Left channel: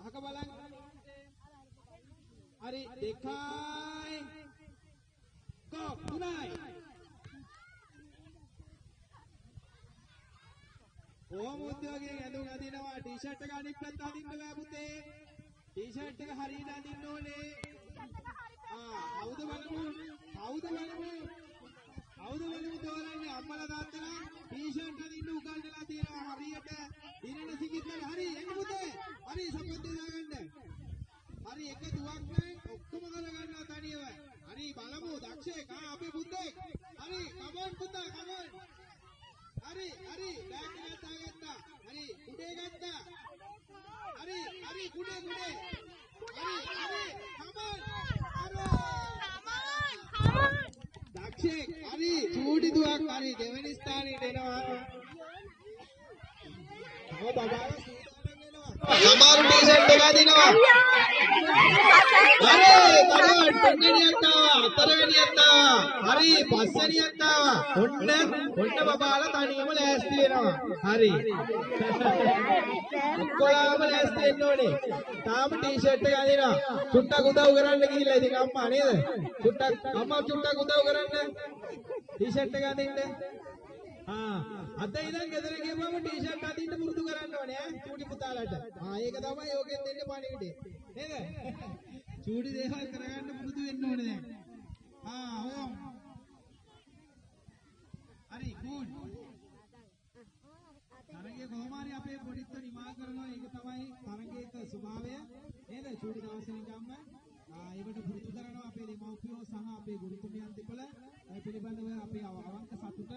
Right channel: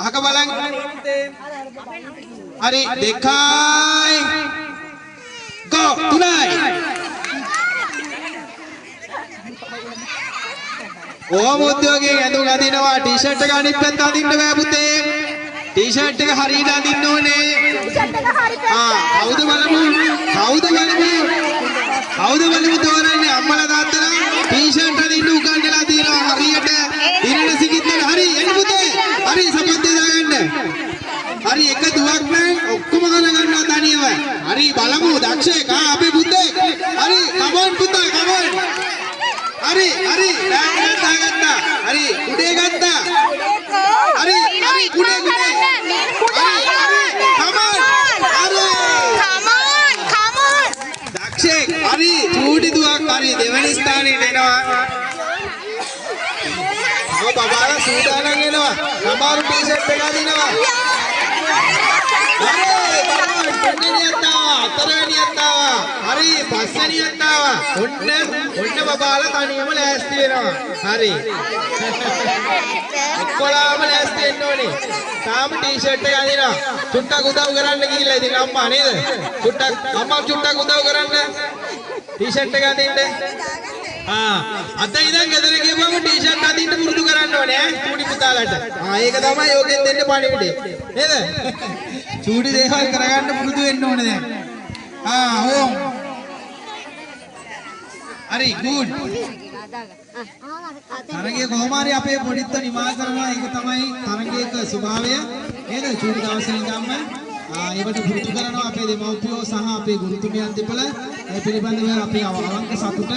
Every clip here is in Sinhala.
අහක බලන්න. හරි 2යි. go 3යි. ඕම උද්‍යෝගයේ ඇඳුම් අඳිනවා ටී-ෂර්ට් එක අනිත් පැත්ත අඳින්න බෑ පුතේ. ටී-ෂර්ට් එක හරියට අඳින්න ඕනේ. කවුද බලමු? කවුද බලමු තෝරන්නේ අම්මලා තාත්තලා ටී-ෂර්ට් අඳින්න උගන්වලා තියෙනවා හරියට. ඉරණ සිකිද්දල හරි එන්න පුතේ. හරි සපත්තිය දාගන්න. හරි එක දුවක් නෑ ඔක්කොම ගන්න ගන්නවා තනියම. හරි බලමු දක්ෂයෙක් අපේ පුතේ. හරි කමොන් පුතා කමොන්. හරි දාගත්තා. හරි උඩේ ගත්තා. හරි උඩේ හරි චූටි දුවක් හරි දෙවෙනි ස්ථානෙට එනවා. බබාලා සූදානම් වෙනවා. ළමාරු ටී-ෂර්ට් එක අදිනවා. හරි බබා තුන්වෙනියට ආවා. හතරවෙනියට ආවා. හරි පස්වෙනියට ආවා. ඔන්න බබාලා තනියම ලෑස්ති වෙනවා. හරි. ඔක්කොලාම ලෑස්ති වෙන්න ඕනේ. තාම ටී-ෂර්ට් එක අදිනවා. චුට්ටක් උදව් කරන්න ගිහිල්ලා ඉතින් අම්මා නේද? අම්මා චුට්ටක් උදව් කරන්න. टी-शर्ट එක අදින්න. අත ඉඳන් ගෙදර ගිහුවම टी-शर्ट අදින්න පුරුදු කරන්න ඕනේ ඈ චූටි පුතාලට. ඒක තමයි යෝගෙන් දෙන්නේ පණිවිඩේ. නේද? චූටි දේවල් කරගන්න පුරුදු වෙන්න ඕනේ දැන්. ඕම්. හරි good. තරගයේ කොහොම හරි අපේ පොඩිත්ත නිමා කරනවා. ඒක තමයි තරගයක ස්වභාවය. නේද? චූටි දවසේ ඉඳන්ම ඒකට පුරුදු කරනවා අපේ දෙමව්පියෝ සහ අපේ ගුරුතුමියන් දෙපළ. ඒ පිළිබඳව අපි අවංක සතුට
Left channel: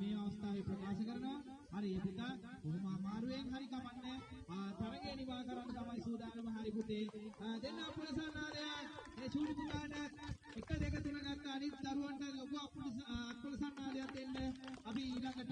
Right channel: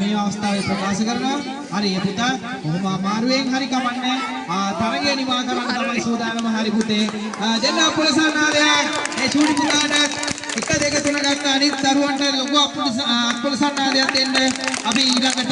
මේ අවස්ථාවේ ප්‍රකාශ කරනවා. හරි පුතා කොහොම අමාරුවෙන් හරි කමන්නේ. තරගය නිමා කරන්න තමයි සූදානම. හරි පුතේ. දෙන්න අපුලසන්නාදයක්. ඒ චූටි පුතාට 1 2 3 ගන්න අනිත් දරුවන්ට ලොකු අපුලසන්නාදයක් දෙන්න. අපි ඊළඟට